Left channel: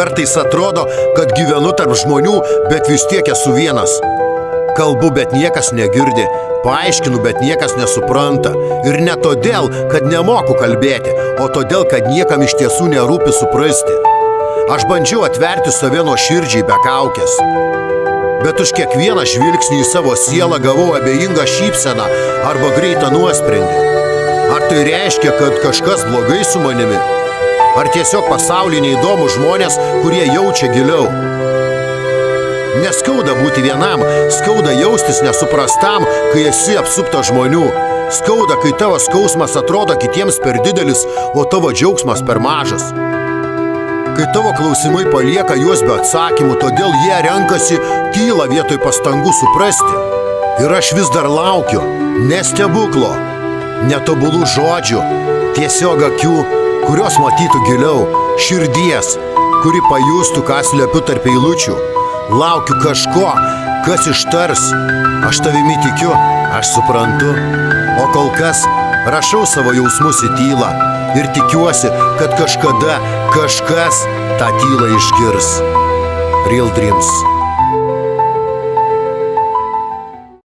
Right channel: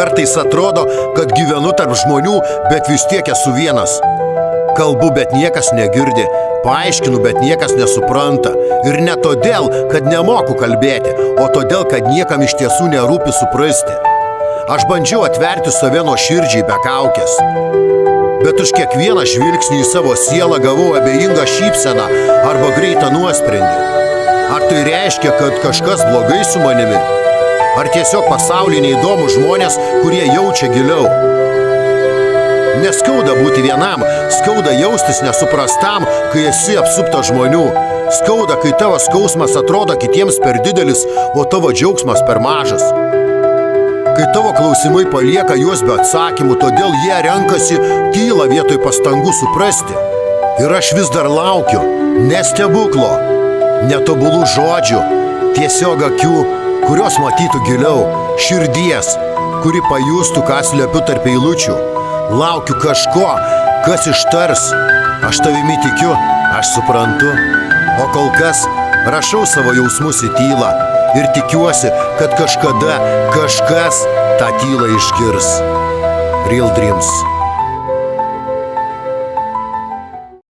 Kartais atrodo, kad gyvenu tarp žmonių, bet vis tiek esu vienas. Kalbu, bet niekas negirdi, paaiškinu, bet niekas nesupranta. Ir ne todėl, kad nemoku kalbėti, o todėl, kad niekam iš tiesų nerūpi suprasti. Aš bandžiau atverti save nuoširdžiai be kaukės. Bet už kiekvieną žvilgsnį į savo sielą gavau abejingą šypseną arba greitą nuosprendį. Ar tai reiškia, kad kažkas blogai su manimi? Ar tiesiog pasaulyje neįdomus žmonės, kurie jaučia giliau? Neskauda būti vienam, skauda jaustis nesuprastam, kai esi apsuptas žmonių. Skauda, kai tavo skausmas atrodo kitiems per didelis, o tavo džiaugsmas per mažas. Kai tavo klausimai palieka juos be atsakymų, todėl jie renkasi tylą vietoj pastangų suprasti. Ir aš vis dar laukiu, ne stebuklo, netobulų žodžių, tiesiog akių, kurios matytų giliau, širdies, kuri pajustų, ką slepiu tarp eilučių. Laukiu kažko, kas ištars. Aš tavimi tikiu, aš suprantu. O kol kas rašau savo jausmus į tylą ir tikiuosi, kad kažkada kažkas tą tylą išgirs. Real Dreams.